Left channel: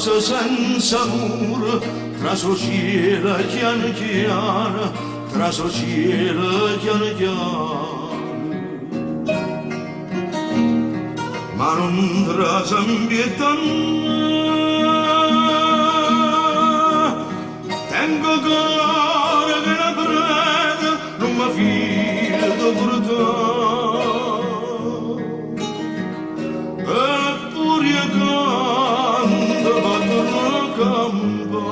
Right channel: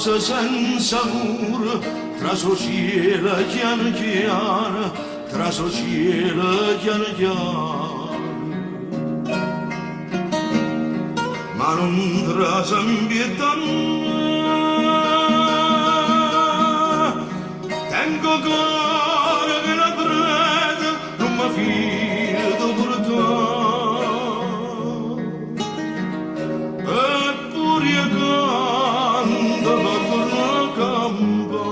casa senza muro, tra cielo chiano chiano, tra cielo chiano chiano. Ma non trasa impietando, tengo cuore che la preda non mi fido per te. Eppure io canto per tornare a campo.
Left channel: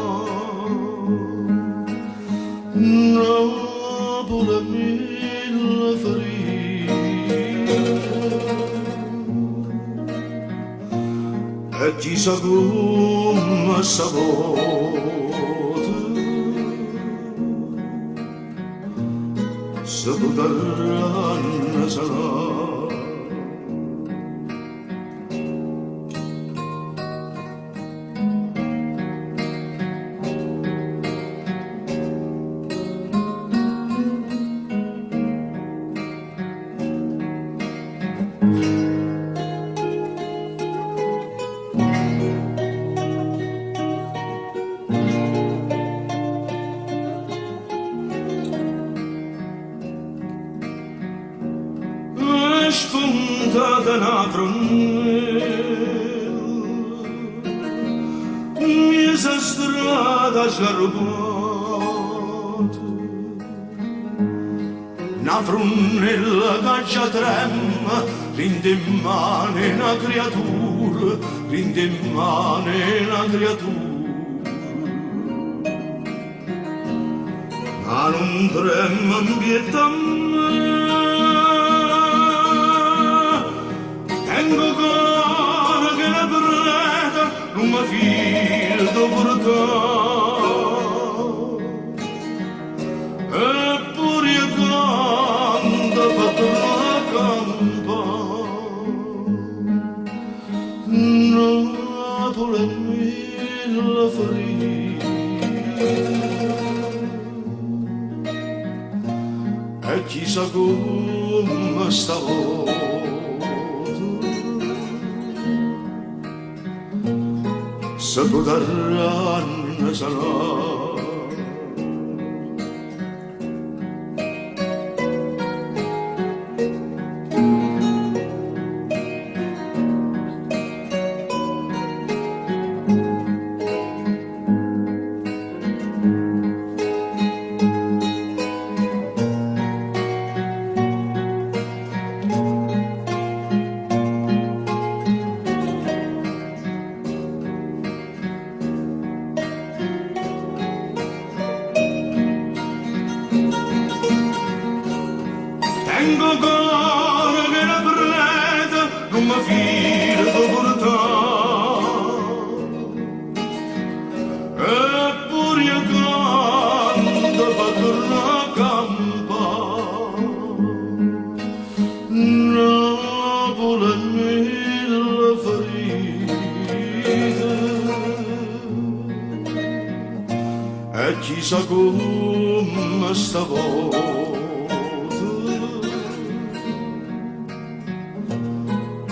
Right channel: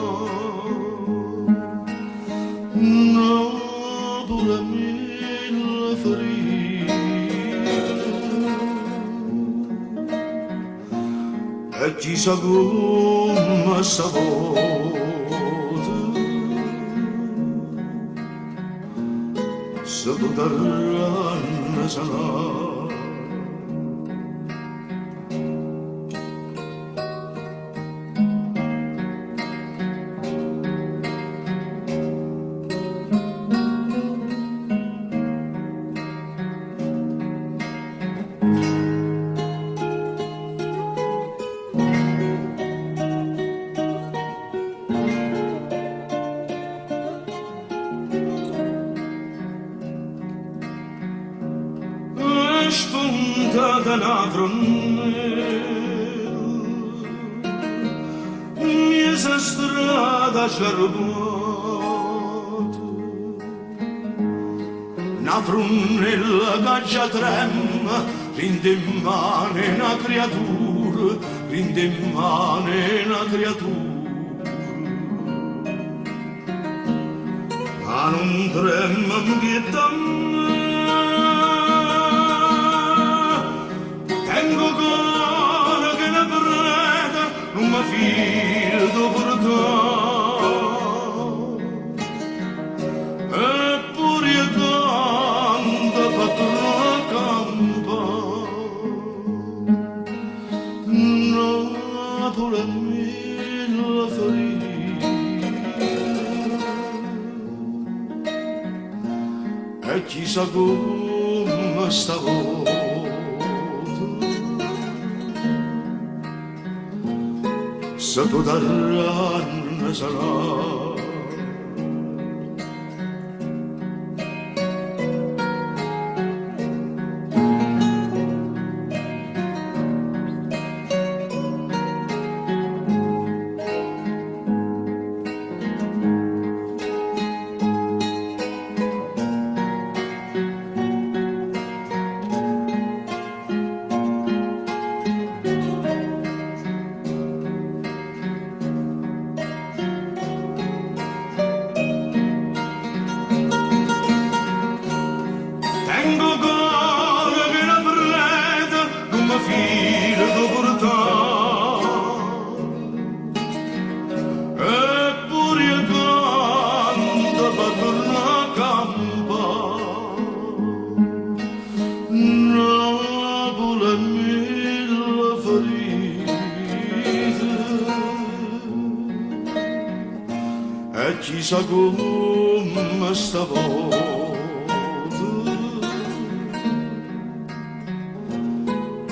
Napoli a mille ferite e chissà come stavolta se potranno sanare. Spuntata una fronnella, mia strada sciarpata, una fronnella che già trema, rinde in mano una creatura, rinde in mano una creatura. Ma non trema in pietà tengo cuore che la preda non mi fido per te. Eppure io canto per tornare a campo. Napoli a mille ferite e chissà come stavolta se potranno sanare. Tengo cuore che la preda non mi fido per te. Eppure io canto per tornare a campo. Napoli a mille ferite e chissà come stavolta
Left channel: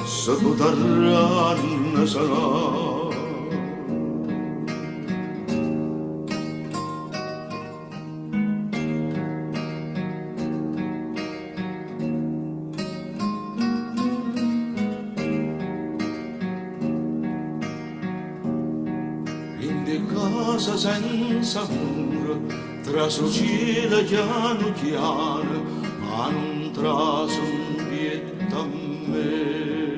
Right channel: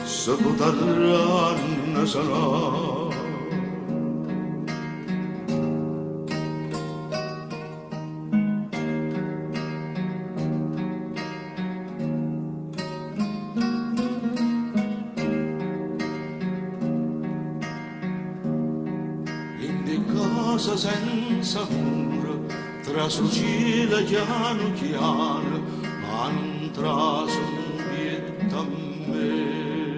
se potranno sanare. In di casa senza muro, tra cielo chiano chiano, ma non traso un pietà a me.